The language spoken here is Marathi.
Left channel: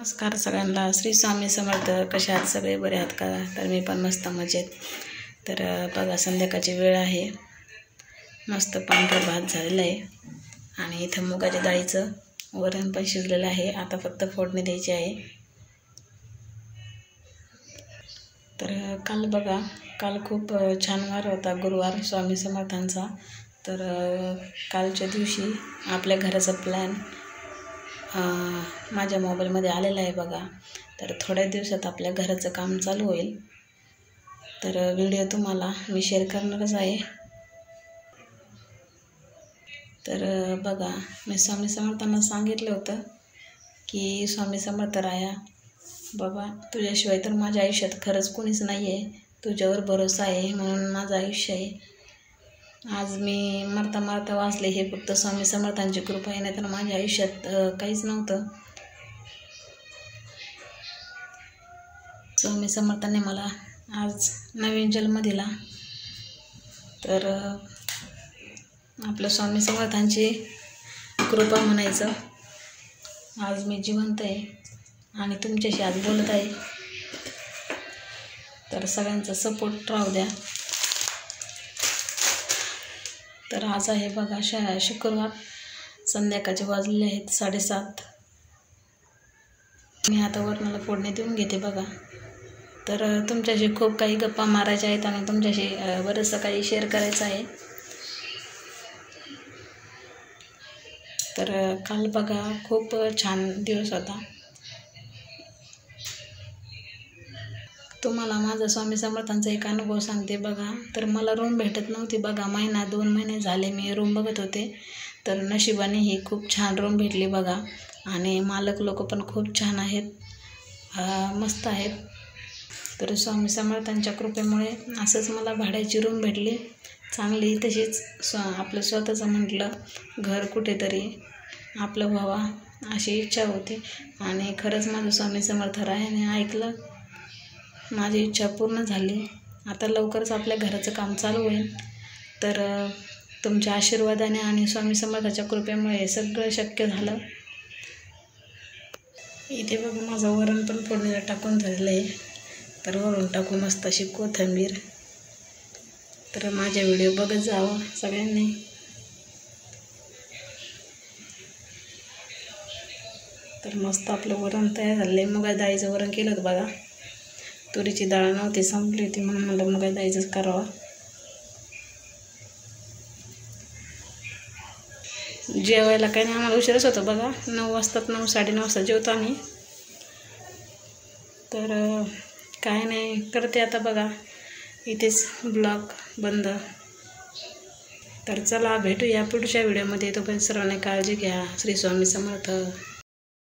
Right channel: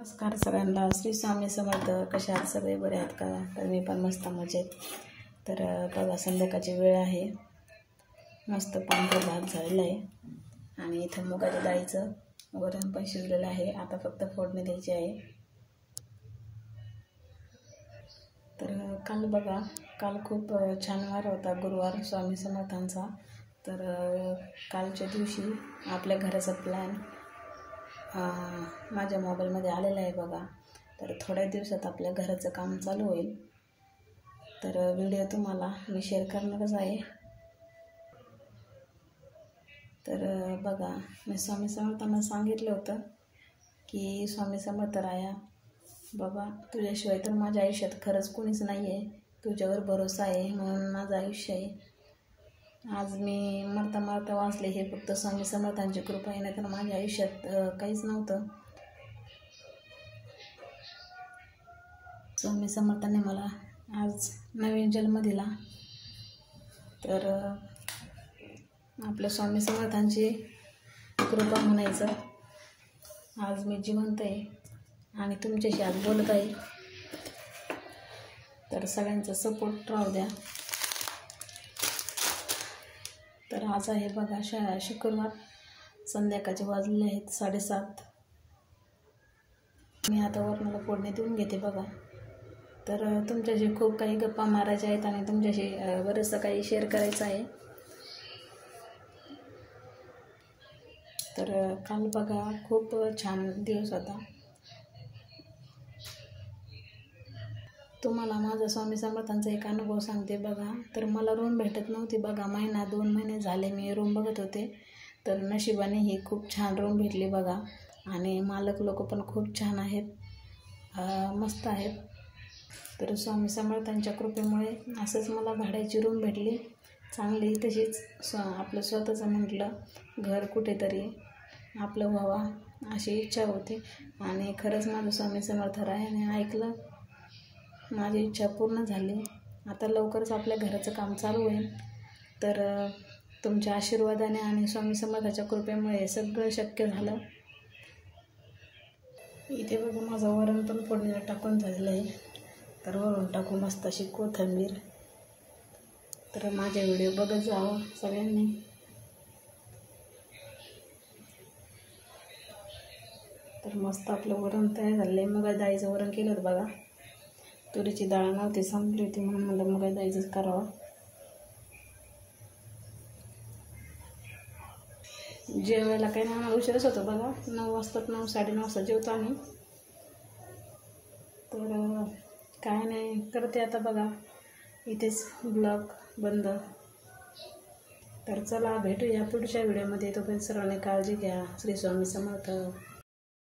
नमस्कार सगळ्यांना. श्री स्वामी समर्थ. कशा आहात सगळे? बरे आहात का? तर मी पण मस्त मजेत. तर बघा, संध्याकाळची वेळ आहे. मस्त पांढरा भात झालेला आहे आणि इथं मुगाच्या डाळीचं वरण पण शिजलेलं आहे. आता फक्त फोडणी द्यायची आहे. तर काल खूप छान वार होता, गुरुवार स्वामी समर्थांचा. तर कालच्या दिवशी आपल्या घराचा प्लॅन माझ्या मोबाईलमध्ये आलेला आहे बघा. तर थोड्या दिवसात आपल्या घराचं काम चालू होईल. तर व्हिडिओ तुम्हाला मी शेअर करणारच आहे. तर बघा, मी स्वामी समर्थांना सांगितलं होतं की स्वामी समर्थ राया बाबा, तुझ्याशिवाय तर माझ्या आयुष्यात खरंच कोणीच नाही आहे. तुझ्यावर भरोसा आहे म्हणून माझं आयुष्य आहे. आज मी मरता वाचले हे फक्त स्वामी समर्थांची कृपा आहे, नाही तर माझ्या आयुष्यात काहीच नव्हतं. स्वामी समर्थांनी मला आज नवीन जन्म दिला. तर आपल्या स्वामी समर्थांची कृपा म्हणायचं. आज मी जिवंत आहे आणि तुमच्याशी आज बोलत आहे. तर सगळ्यांचा सपोर्ट राहू द्या. तर आज आहे बघा शुक्रवार. संध्याकाळचे वाजलेले आहेत 7:30. मी आता वरणाला फोडणी देऊन घेते बघा. तर तुमच्याशी खूप काही गप्पा मारायच्या आहेत आणि तुमच्याशी बरंचसं काही शेअर करायचं आहे. तर काल बघा खूप छान दिवस होता. तुम्हाला माझा स्वामी समर्थांचा एक अनुभव सांगते बघा. तर मला रूम भेटत नव्हती बघा. 1-2 महिने झाले मी रूम बघत होते. तर नशिबाने ही खूप छान रूम भेटली बघा. आणि मालक लोक पण खूप छान आहेत, मस्त आहेत. तर स्वामी समर्थांच्या कृपेमुळे असंच मला भाड्याची रूम भेटली चांगली. तशीच आपलं स्वतःचं म्हटलं घर कुठेतरी आपलं व्हावा अशी इच्छा होती. आणि खरंच माझं स्वामी समर्थ रायाने ऐकलं, माझी इच्छा पूर्ण झाली. आता लवकरच आपल्या घराचं काम चालू होईल. तर तुमच्या आशीर्वादाने आणि स्वामी समर्थाच्या कृपेमुळे सगळं शक्य झालं. इथे बघा माझं वरण पण फोडणीला टाकून झालेलं आहे. तर वरून टाकू मस्त अशी कोथिंबीर. तर माझे व्हिडिओ बघत जावं सगळ्यांनी. तर मस्त आपलं वरण तयार झालं आहे. मुगा डाळीचं वरण केलं होतं बघा. तुरीची डाळ नव्हती, संपली होती म्हणून मला मुगा डाळीचंच करावं. जेवायला काही नाही, आम्हाला उशीरच होतं बघा. 9 वाजतात, 9-9:30 वाजता जेवतो आम्ही. तर काय नाही करते आता बघा, इथेच ब्लॉग बंद. तर चला भेटूया पुढच्या व्हिडिओमध्ये. तोपर्यंत सर्वांनी काळजी घ्या. श्री स्वामी समर्थ.